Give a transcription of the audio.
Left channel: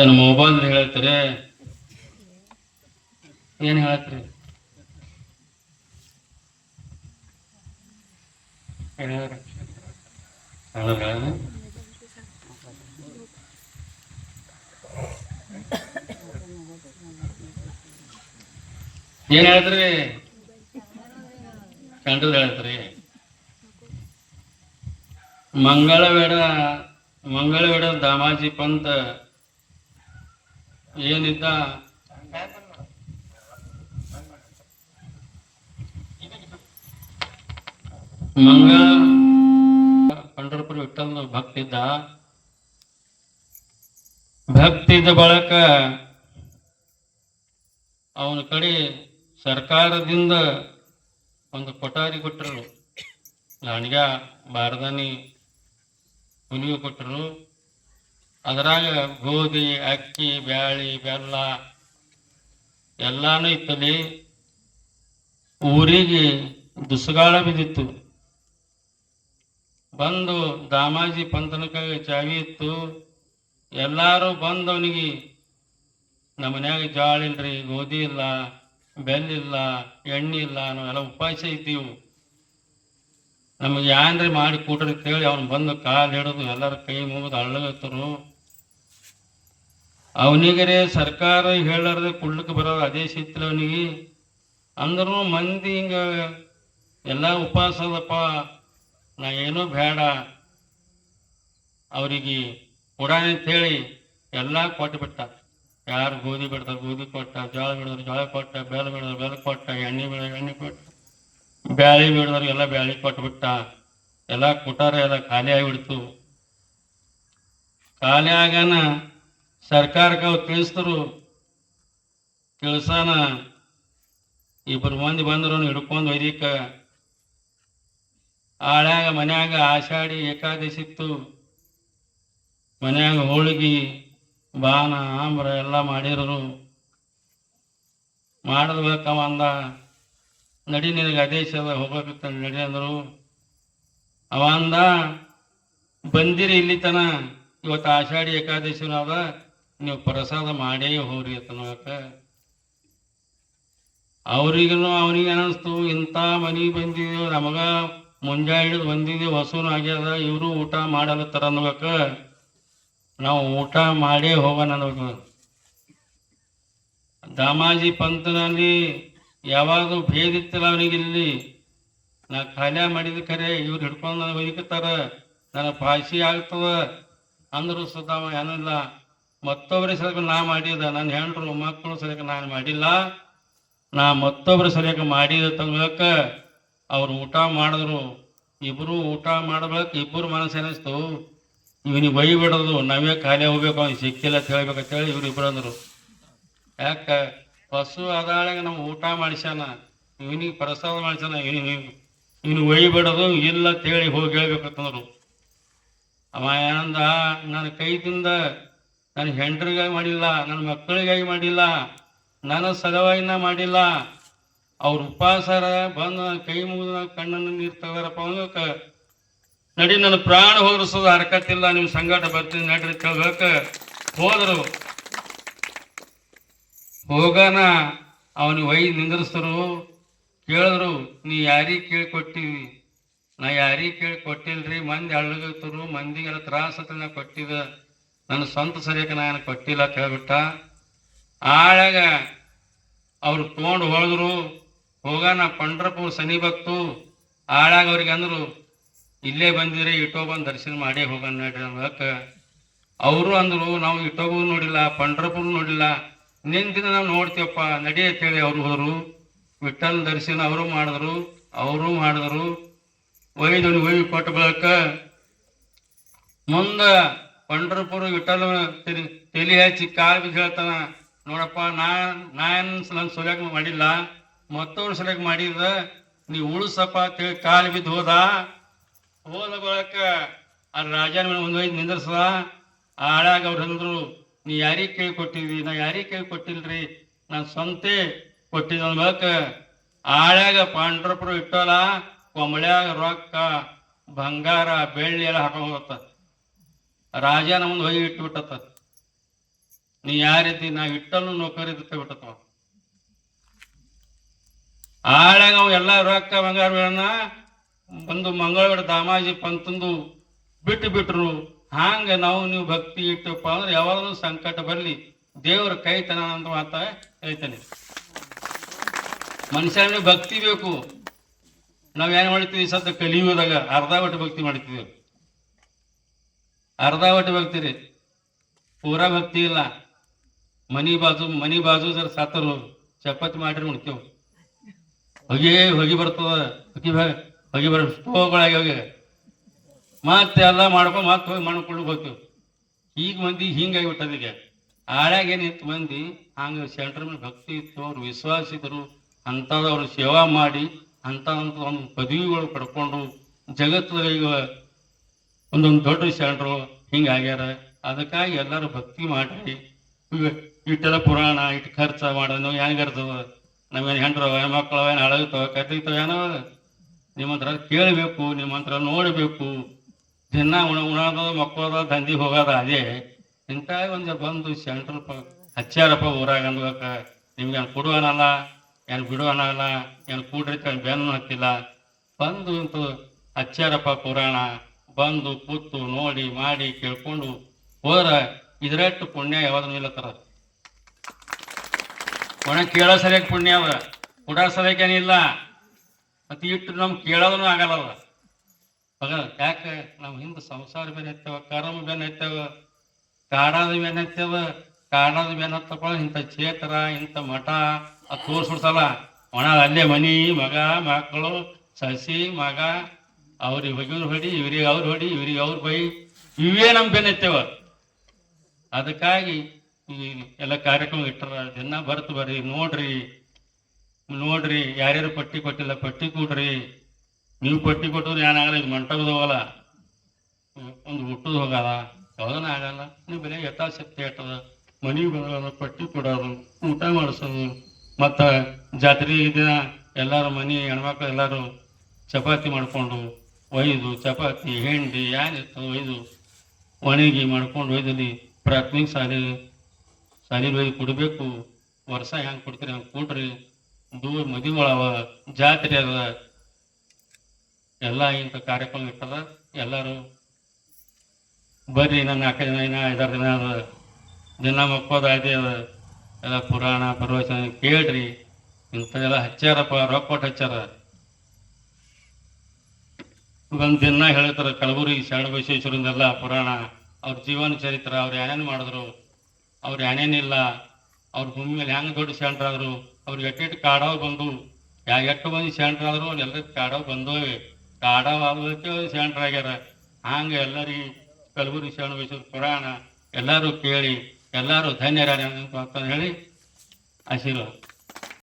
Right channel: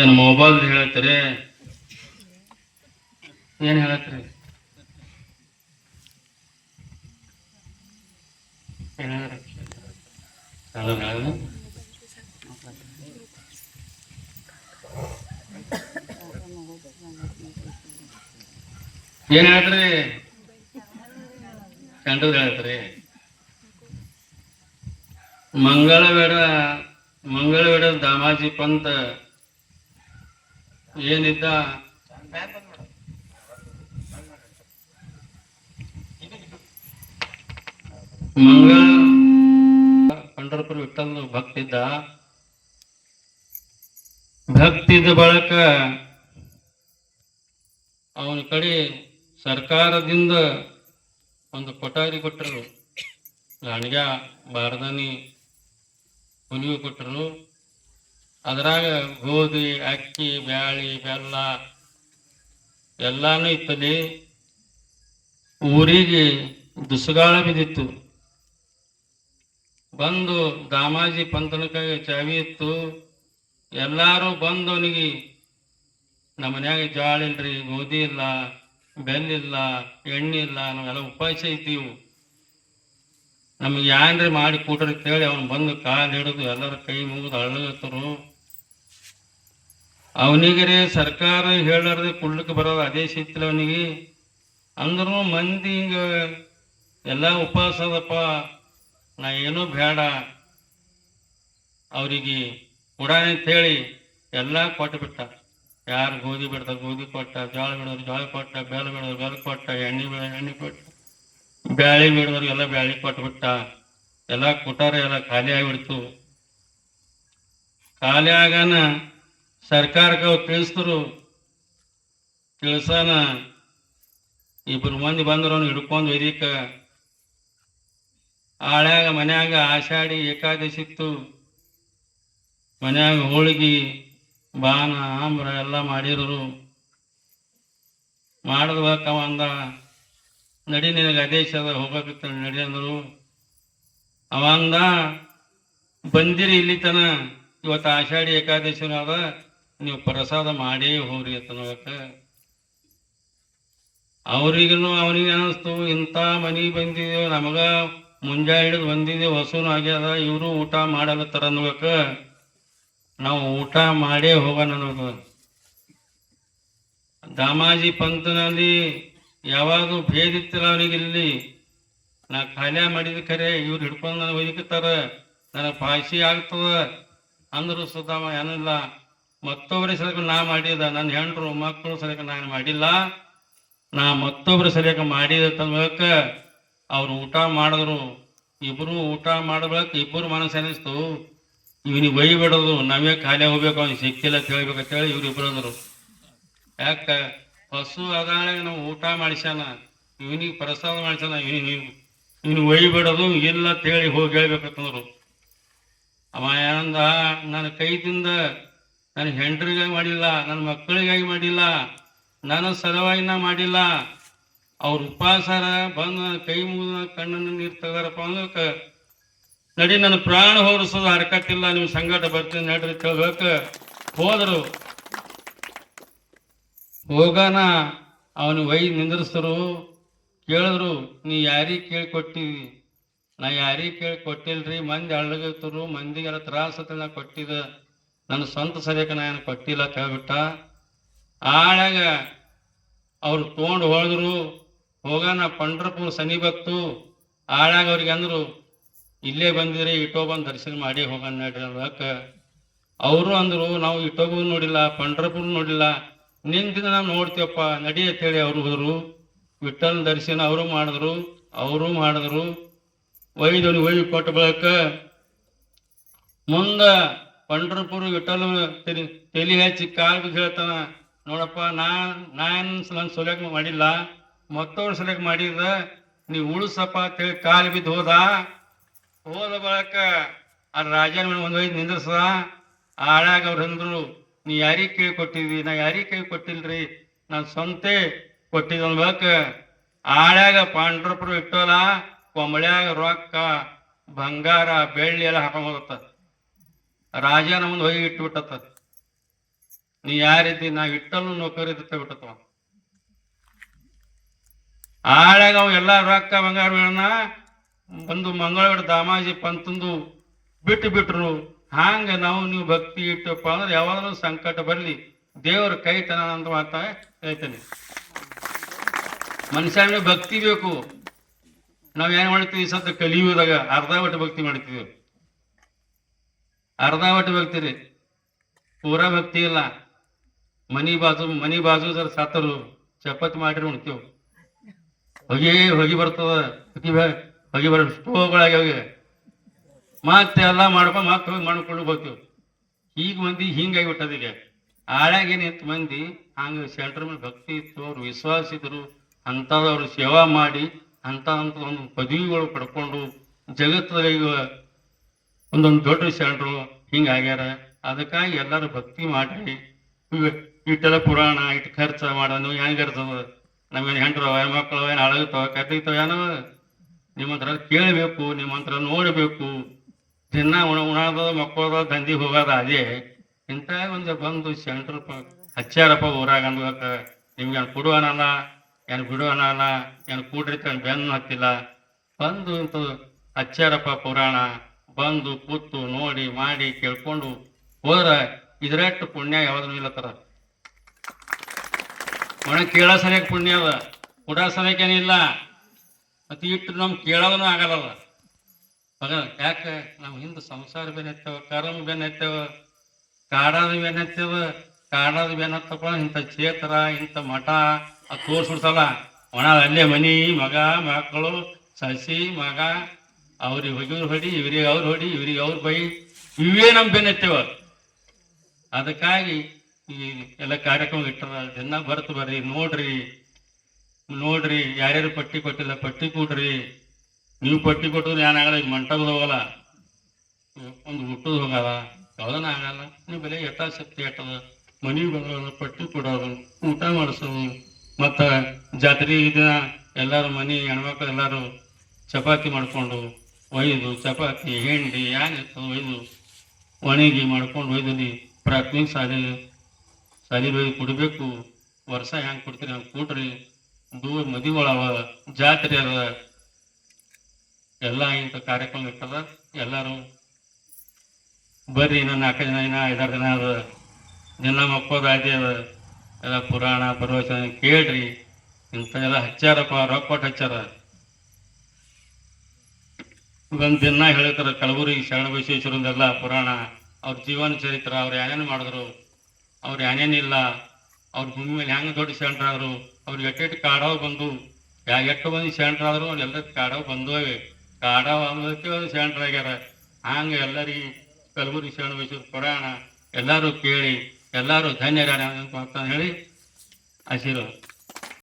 ಏನು ಮೊಬೈಲ್ ಹೇಳ್ತೀರಿ? ಏನು ಹೇಳತ್ರಿ? ಏನ್ ಹೇಳ್ತ್ರಿ? ಕಂಡದ್ ಹೇಳ್ತ್ರಿ. ಮಂಗಳವೇಡ ದಾಮಾಜಿ ಪಂತ ಏನಿದ್ದ ಮಂಗಳ ಪಂಢರಪುರ ವಿಠ್ಠಲ ಭಕ್ತಿದ್ದ ಬಳಕ ಅವನ ಕಡೆ ಸರ್ಕಾರದಿಂದ ಒಂದು ಕೊಠಾರಿ ಕೊಟ್ಟರು. ಲಾಣಿಗ ಬಾರದಾನಿ ಹುಲಿಯು ಕೊಟ್ಟರು. ಅದರಾಗ ಗೋಧಿ, ಅಕ್ಕಿ, ಬ್ಯಾಳಿ, ಬೆಲ್ಲ ಎಲ್ಲಾನು ಇತ್ತಲ್ಲಿ. ಊರಿಗೆ ದುಸ್ಗಾಳ ಬಿದ್ದಿತ್ತು. ಬಂದು ದಾಮಾಜಿ ಪಂತನ ಕೈ ಚಾವಿ ಇತ್ತು. ಎಲ್ಲಾರು ಬಂದು ಅವನಿಗೆ ನಮ್ಮ ಮನ್ಯಾಗ ಜಾಳ ಇಲ್ರಿ, ಗೋಧಿ ಇಲ್ಲ, ಬೆಲ್ಲಿಲ್ಲ, ಎಣ್ಣೆ ಇಲ್ಲ, ನಾವೆಲ್ಲ ಉಪವಾಸ ಇದ್ದೀವಿ, ನಮಗೆ ಏನ್ರಿ ಮಾಡಿ ಕೊಡ್ರಿ ಅಂತೇಳಿ ಅವನು ಬಂದು ಕಾಲು ಹಿಡಿದು ಎಲ್ಲರ ಕೈ ಮುಗಿದು ಅಳ್ಳಗತ್ತರು. ಅವನಿಗರೇ ಸರ್ಕಾರ ಹೇಳಾರ್ದೆ ಕುಡ್ಲಿಕ್ಕೆ ಬರೋದು ಅದೇ ಸಿಕ್ತಿಲ್ಲ ಅವನಿಗೆ. ಅಂದ್ರೂ ಮಂದಿ ಹಿಂಗ ಎಲ್ಲ ಉಪವಾಸ ಅದಪ್ಪ, ನಾ ಏನೂ ಬೇಡ ಅವರಿಗೆ ಕೊಡಾನಿ ಅಂತೇಳಿ ಎಲ್ಲ ಕೊಟ್ಟು ಬಿಟ್ಟ. ಯಾರು ಗೋಧಿ ಬಿಡ್ತಾರೆ ಗೋಧಿ ಕೊಟ್ಟ, ಜೋಳ ಬಿಡೋರು ಜೋಳ ಕೊಟ್ಟ, ಬೆಲ್ಲ ಬಿಡೋರು ಬೆಲ್ಲ ಕೊಟ್ಟ, ಎಣ್ಣೆ ಬಿಡೋರು ಎಣ್ಣೆ ಕೊಟ್ಟ, ಬ್ಯಾಳಿ ಬಿಡೋರು ಎಲ್ಲ ಬ್ಯಾಳಿ ಕೊಟ್ಬಿಟ್ಟ. ಎಲ್ಲ ಕೊಟ್ಟಾರ, ಎಲ್ಲ ಖಾಲಿ ಆಗಿಬಿಡ್ತು. ಖಾಲಿ ಆಗಾನ ಸರ್ಕಾರಕ್ಕೆ ಅವ್ರು ತಿಳಿಸಿದ್ರು. ತಿಳಿಸಾನ ಇಬ್ಬರು ಮಂದಿ ಬಂದರು ಹಿಡ್ಕೊಂಡು ವೈದಿಕ. ಆಳ್ಯಾಗ ಮನ್ಯಾಗ ಆಷಾಢಿ ಏಕಾದಶಿ ಇತ್ತು. ಮನ್ಯಾಗ ಹೋಳಿಗೆ ಬಾನ ಆಮ್ರ ಎಲ್ಲ ಮಾಡಿದ್ರು. ಮಾಡಿದ್ಬೇಕ ಅಂದ, ನಡಿ ನಿನಗೆ ಆದೇಶ ಅದ ಹೋಗ್ಬೇಕಿತ್ತ ನಡಿ ಅಂದರು. ಅವ ಅಂದ, ಬಂದಿರಿ ಇಲ್ಲಿ ತನ, ಇವತ್ತು ಆಷಾಢಿ ಏಕಾದಶಿನೂ ಅದ, ನೀವು ಪ್ರಸಾದ ಮಾಡೇ ಹೋಗ್ರಿ ಅಂತನ್ಬೇಕ. ಅವ್ರಿಗೂ ಅವನಿಗೆ ಅನಿಸ್ತು, ಇಂಥ ಮನೆಗೆ ಬಂದಿದ್ದೇವೆ, ನಮಗ ಮುಂಜಾನೆ ಹಿಡಿದು ಬಂದಿದ್ದೇವೆ, ಹಸುನು ಆಗ್ಯದ, ಇವರು ಊಟ ಮಾಡಲತ್ತಾರ ಅನ್ಬೇಕ, ನಾವು ಊಟ ಮಾಡೇ ಹೋಗೋಣ ಅನ್ಬೇಕು. ದಾಮಾಜಿ ಪಂತನಲ್ಲಿ ಯಾವಾಗ ಭೇದ ಇತ್ತಿಲ್ಲ ಅವನಿಗೆ. ಇಲ್ಲಿ ನಾ ಖಾಲಿ ಮಾಡಿದ ಖರೆ, ಇವ್ರು ಹಿಡ್ಕೊಂಡು ನನಗೆ ಒಯ್ಕತ್ತಾರ, ನನ್ನ ಪಾಶಿ ಆಗ್ತದ ಅಂದ್ರು ಸುತ್ತ ಏನಿಲ್ಲ. ಮತ್ತೊಬ್ಬರ ಸಲಕ ನಾ ಮಾಡಿದ, ನನ್ನ ಹೆಂಡ್ರು ಮಕ್ಕಳು ಸಲಕ ನಾನು ಮಾಡಿಲ್ಲ, ನಾ ಮತ್ತೊಬ್ಬರ ಸಲಕ ಮಾಡಿದ ತನ್ಬೇಕ. ಅವ್ರು ಊಟ ಮಾಡಿದ್ರು. ಇಬ್ಬರು ಊಟ ಮಾಡ್ಬೇಕು. ಇಬ್ಬರು ಮನಸ್ಸು ಅನಿಸ್ತು, ಇವನಿಗೆ ಒಯ್ಬಿಡೋದು, ನಾವೇ ಖಾಲಿ ಹೋಗ್ಬೇಕು, ಅವ್ನಿಗೆ ಸಿಕ್ಕಿಲ್ಲ ಅಂತ ಹೇಳ್ಬೇಕಂತೇಳಿ ಇವ್ರು ಇಬ್ಬರು ಅಂದರು. ಯಾಕ ಹಸು ಅದಾಳಾಗ ನಾವು ಊಟ ಮಾಡಿಸ್ಯಾನ, ಇವನಿಗೆ ಪ್ರಸಾದ ಮಾಡಿಸ್ಯಾನ, ಇವನು ಒಯ್ಬಿಡೋದು ಇಲ್ಲ ಅಂತೇಳಿ ಹೋಗಿ ಹೇಳ್ಬೇಕಂತಂದ್ರು. ಅವ ಏನಂದ, ನನ್ನ ಕೈದಿಂದ ನನ್ನ ಹೆಂಡ್ರಿಗಾಗಿ ಮಾಡಿಲ್ಲ, ನನ್ನ ಮಕ್ಕಳಿಗಾಗಿ ಮಾಡಿಲ್ಲ, ನನ್ನ ಸಲುವಾಗಿ ಮಾಡಿಲ್ಲ, ಅವ್ರ ಉಪವಾಸರ ಬಂದು ಕೈ ಮುಗಿದ ಕಣ್ಣನ್ನು ನೀರು ತೆಗದಾರಪ್ಪ ಅಂದಕ, ನಡಿ ನನ್ನ ಪ್ರಾಣ ಹೋದ್ರಸೋದು ಹರಕತ್ತಿಲ್ಲ, ನಿಮ್ಮ ಸಂಗಾಟ ಬರ್ತೀನಿ ನಡ್ರಿ ಕೇಳ್ಬೇಕ. ಹೋದ್ರು. ಹೋಗಾನ ಅವನಿಗೆ ಒಯ್ದು ನಿಂದ್ರಿಸಿದ್ರು. ಕೇಳಿದ್ರು, ನೀ ಯಾರಿಗೆ ಕೇಳಿ ಕೊಟ್ಟಿವಿ? ನಾ ಯಾರಿಗೆ ಕೇಳಿ ಕೊಟ್ಟಿಲ್ರಿ, ಮಂದಿ ಅಳ್ಳಗತ್ತರು, ಮಂದಿಗೆಲ್ಲ ತ್ರಾಸ ನಾ ಕೊಟ್ಟಿದ, ನನ್ನ ಸ್ವಂತ ಸರಿಯಕ ನಾನು ಕೊಟ್ಟಿಲ್ಲ ಅಂತ ಹೇಳ್ಬಿಟ್ಟ. ಆಳಾಗ ಅವ್ರು ತೊಗೊಂಡು ಹೋದ್ರು. ಹೋಗಾನ ಪಂಢರಪುರ ಸನಿ ಬತ್ತು. ಆಳಾಗ ಅವ್ರಿಗೆ ಅಂದರು, ಇಲ್ಲೇ ಬಂದಿದ್ರೆ ಇಟೋಬಂದು ದರ್ಶನ ಮಾಡೇ ಹೋಗೋಣ ನಡ್ರಿ ಅನ್ಬೇಕ. ಅವರು ಅಂದರು, ನಾವು ಇಟೋಬು ನೋಡಿಲ್ಲ, ಪಂಢರಪುರ ನೋಡಿಲ್ಲ, ನಿಂದಿನ ನಾವು ನೋಡ್ತೀವಪ್ಪ ನಡಿ ಅಂತೇಳಿ ಅವ್ರು ಹೋದ್ರು. ವಿಠ್ಠಲ ದರ್ಶನ ಅವರು ಮಾಡಿದ್ರು. ಒಯ್ದವನಿಗೆ ಒಯ್ದು ಕೊಟ್ಟ ಬಳಕ ಮುಂದ ಪಂಢರಪುರ ವಿಠ್ಠಲ ತಲೆ ಹಚ್ಚಿ ಕಾಲು ಬಿದ್ದು ಹೇಳ್ತಾನ, ನೋಡಪ್ಪ ನನ್ನ ಸೊಲ್ಯಾಕ ಮಾಡಿಲ್ಲ, ಮತ್ತವ್ರ ಸಲಕ ಮಾಡಿದ, ನೀವು ಉಳಿಸಪ್ಪ ಅಂತೇಳಿ ಕಾಲು ಬಿದ್ದು ಹೋದ ಬಳಕ ಆ ರಾಜನ ಒಂದು ಒಯ್ದು ನಿಂದ್ರಸದ. ಆಳಾಗ ಅವ್ರು ಅಂದ್ರು, ನೀ ಯಾರಿಗೆ ಕೇಳಿ ಕೊಟ್ಟಿದ್ವಿ? ನಾ ಯಾರಿಗೆ ಕೇಳಿ ಕೊಟ್ಟಿಲ್ರಿ, ನಾನು ಸ್ವಂತೆ ಕೊಟ್ಟಿದ್ದ ಅನ್ಬೇಕ. ಆಳ್ಯಾಗ ಪಂಢರಪುರ ವಿಠ್ಠಲ ಕೊಂಬಳ್ಯಾಗ ರೊಕ್ಕ ಬಂಗಾರ ಬೆಳ್ಳಿ ಎಲ್ಲ ಹಾಕೊಂಡು ಹೋಗತ್ತ. ರಾಜನ ಮುಂದೆ ಹೋಗಿ ಇಟ್ಬಿಟ್ಟತ್ತ. ನೀ ಯಾರಿದ್ದಿ ನಾ ಇಟ್ಟನು ನೌಕರಿದ್ದ ಬಿಟ್ಟತ್ವ ಆಳ್ಯಾಗ ಅವು ಎಲ್ಲ ರೊಕ್ಕ ಬಂಗಾರಗಳನ್ನ ಒಂದು ಮಂಗಳವಾರ ದಾಮಾಜಿ ಪಂತಂದು ಬಿಟ್ಟು ಬಿಟ್ರು. ಹಾಂಗ ನಾವು ನೀವು ಭಕ್ತಿ ಇಟ್ಟಪ್ಪ ಅಂದ್ರೆ ಯಾವಾಗಲೂ ಸಂಕಟ ಬರಲಿ ದೇವರ ಕೈ ತನ ಅಂತ ಮಾತ ಹೇಳ್ತಾನೆ. ಮನುಷ್ಯನಿಗೆ ಭಕ್ತಿ ಬೇಕು. ನಾವ್ ಏನ್ ಮಾಡ್ತೀವಿ ಸದ್ಯ ಕಲಿಯುವುದಾಗ ಅರ್ಧ ಒಟ್ಟು ಭಕ್ತಿ ಮಾಡ್ತೀವಿ. ಅರ್ಧ ಒಟ್ಟು ಭಕ್ತಿ ರೀ, ಪೂರಾ ಭಕ್ತಿ ಇಲ್ಲ. ಮನಿ ಬಾಜು ಜರ ಸಾತರು ಚಪಾತಿ ಮಾಡಿರಿ ಉಣ್ತೇವ್. ಹೊಗಿ ಬರ್ತದ, ಹೊಗಿ ಬರ ಸ್ಟೋವ್ಗಳಾಗ ಮತ್ತೆ ಎಲ್ಲ ಮಾಡ್ಕೊಂಡು ಮತ್ತೆ ಹೋಗಿ ಮಾಡ್ಕೊಂಡು ಹೋಗ್ತೇವೆ. ಈಗ ಮಂದಿ ಹಿಂಗಾಗಿಬಿಟ್ಟದ. ಈಗ ಆಳ್ಯಾಗ ಏನಿತ್ತು ಮಂದಿ ಹಂಗ ಸೆಂಟ್ರ್ ಮೇಲೆ ಭಕ್ತಿ ಇತ್ತು, ಅವ್ರು ವಿಶ್ವಾಸ ಇದ್ರು, ಅಂಥವ್ರು ಸೇವಾ ಮಾಡಿ ಅಂತ ಒಂದು ಪದವಿಗಳು ಪಡ್ಕೊಂಡು ಜಗತ್ತದಾಗ ಈಗ ಒಂದೊಂದು ದೊಡ್ಡ ಸೆಂಟ್ರು ಹಿಂಗಾಗ್ಯಾರ. ಅದಕ್ಕಾಗಿ ಎಲ್ಲರೂ ಭಕ್ತಿ ಮಾಡ್ರಿ. ಇಟ್ಟೆಲ್ಲ ಪುರಾಣ ಇಟ್ಟು ಖರ್ಚ ಮಾಡೋನು ಹೆಂಗಿರ್ತದ? ನಾವೇನು ಹೆಂಡ್ರು ಮಕ್ಕಳು ಏನು ಅಳಗತ್ತವ ಕಟ್ಟಿರ್ತವ ಏನೋ ನಿಮ್ಮಂತ್ರ ಕೇಳಬೇಕು, ನಿಮ್ಮಂತ್ರ ನೋಡಬೇಕು. ದಿನ ಉಣದ ಮಕ್ಕಳದ ದಂಧಿ ಹೋಗೋದ ಅದೇ. ಇಂಥ ಒಂದು ಬಂದು ಸೆಂಟ್ರ್ ಹಚ್ಚಾರಪ್ಪ ಊರಾಗ ಅನ್ಬೇಕ. ನಿಮ್ಗೆ ಏನು ಕೊಡುವನಲ್ಲ, ಏನು ಬಿಡುವನಲ್ಲ, ಏನು ಕೂಡ್ರಿತ ಬೆನ್ನು ಹತ್ತಿಲ್ಲ. ಬಂದು ಇಂತ ಹಚ್ಚಾರಪ್ಪ ಪುರಾಣ, ಬಂದು ಕೂತು ನೋಡಿ ಮಾಡಿ ಕೇಳ್ಕೊಂಡು ಹೋದ್ರ ಇದ್ರಟ್ಟು ಪುಣ್ಯ ಯಾವ್ದೂ ಇಲ್ಲತ್ತಾರ. ಒಣ ಕೇಳೋ ಸರಿಯಾಗಿ ಪುಣ್ಯ ಅದ, ಕೊಡೋ ಸರಿಯಾಗೇನಿಲ್ಲ. ಮತ್ತೆ ಇಟ್ಟು ನಮ್ಗೆ ಕೇಳೋದೂ ಆಗಲ್ಲದ. ಯಾಕೆ ನಾವು ಹಿಂದೆ ಸಂಸಾರ ಬೇನ್ ಹತ್ತವ, ಕರ್ಮ ಬೇನ್ ಹತ್ತವ, ಕಾಡಾದ ಬೇನ್ ಹತ್ತವ. ಕಾಡಾದ ಬೇನ್ ಹತ್ತಕೊಂಡು ಇಂಥ ಕ್ಷೇತ್ರ ಇಂಥ ಮಠ ಅದು ತೋರಿಸ್ಬಿಡ್ತಲ್ಲ. ಒಣ ಅಲ್ಲೇ ಮನಿ ಮಗ ಮಕ್ಕಳು ಸಸಿ ಮಗ ಅವ್ರಿಗೆ ಹೋಗಿವ್ರು ಹೊಡಿ, ಇವ್ರಿಗೆ ಅವ್ರು ಹೊಡಿ, ಇವ್ರಿಗೆ ಅವ್ರು ಬೈ, ಇವೇ ನಮ್ ಬೇನ್ ಹತ್ತವ. ಅದಕ್ಕಾಗಿ ಈ ಎಲ್ಲ ಕಾರ್ಯಕ್ರಮ ಇಟ್ಟರ ದಿನ ಬರ್ತು ಬರ್ರಿ, ನೋಡ್ರಿ ಯಾರ್ಯಾರು ಪಟ್ಟಿ ಕೊಟ್ಟಿಲ್ಲ ಪಟ್ಟಿ ಕೊಡ್ರಿ. ನೀವು ಪಟ್ಟಿ ಕೊಟ್ಟರು ಏನಾಗಲ್ಲ, ಇದು ಮಂಟಪದ ಹೋಗಲ್ಲ, ಒಂದು ಹುಟ್ಟದ ಹೋಗಲ್ಲ, ಯಾವುದನ್ನ ಆಗಲ್ಲ. ನೀವು ಬೆಲೆ ಯಥಾಶಕ್ತಿ ಇಟ್ಟದ ಮನೆಗೆ ಬಂದ ಪಟ್ಟಿ ಕೊಡೋದು, ಊಟ ಮಾಡಿಸೋದು. ಮತ್ತು ಜಾತ್ರೆ ದಿನ ಎಲ್ಲರೂ ಮನೆ ಹೆಣ್ಮಕ್ಳು ಎಲ್ಲರೂ ಚಪಾತಿ ಮಾಡ್ಕೊಂಡು ಒಯ್ದು, ಚಪಾತಿ ಹೆಂಡಿ ಏನಿರ್ತದೆ ಒಯ್ದು ಒಣಗಿ ಮಾಡ್ಕೊಂಡು ಒಯ್ದಲ್ಲಿ ಪ್ರಾಥಮಿಕ ಶಾಲೆ ಒಯ್ದು ಕೊಡಬೇಕು. ವರ್ಷ ಹೆಂಗೆ ಕೊಡ್ತೀರಿ ಹಂಗೆ ಕೊಡ್ರಿ. ದೂರ ಮದುವೆಗಳವ, ಜಾತ್ರೆ ಅದ, ಎಲ್ಲ ಇಂಥ ಕಾರ್ಯಕ್ರಮ ಇರ್ತದ. ಎಲ್ಲರೂ ಬರ್ರಿ. ನನ್ನ 4 ದಿನ 5 ದಿನ ಅದ, ದಿನ ಮಕ್ಕೋದ ಅದೇ ಅದ. ಎಲ್ಲ ಪುರಾಣ ಪ್ರವಚನ ಕೇಳ್ರಿ. ಇಂಥದೆಲ್ಲ ಹಚ್ಚಾರಪ್ಪ, ರೊಕ್ಕ ಕೊಟ್ಟು ಹಚ್ಚಾರ. ಒಂದು ದಿನ ಹೇಳ್ತಾರೆ ಕಲಬುರಗಿ ಶರಣ ಬಸವೇಶ್ವರಂದೆಲ್ಲ ಪುರಾಣ, ಅವ್ರ ಜೀವನ ಚರಿತ್ರ, ಅವ್ರು ಏನೇನು ಮಾಡಿದ್ರು, ಅವ್ರು ಏನೇನಿಲ್ಲ, ಅವ್ರ ಭೂಮಿ ಮೇಲೆ ಹೆಂಗೆ ದೊಡ್ಡ ಸೆಂಟ್ರಾದ್ರು, ಅವ್ರಿಗೆ ಎಟ್ಟೆಟ್ಟು ಕಾಡಾವ್ ಬಂದು, ಎಷ್ಟು ಮಂದಿ ಸೆಂಟ್ರಾದ್ರು ಎಲ್ಲರೂ ಕಾಡಾವ್ ಬಂದೋವೆ. ಕಾಡಾವ್ ಆಗೋದಕ್ಕೆ ಸೆಂಟ್ರ್ ಆಗ್ಯಾರ. ಹಂಗೆ ಎಲ್ಲರಿಗೆ ಕಲಬುರಗಿ ಶರಣ ಬಸವೇಶ್ವರ ಪುರಾಣ ಎಲ್ಲರೂ ಕೇಳಿ ಎಲ್ಲರೂ ಧನ್ಯರ ಅಂತ ಹೇಳಿ ಆಶೀರ್ವಾದ.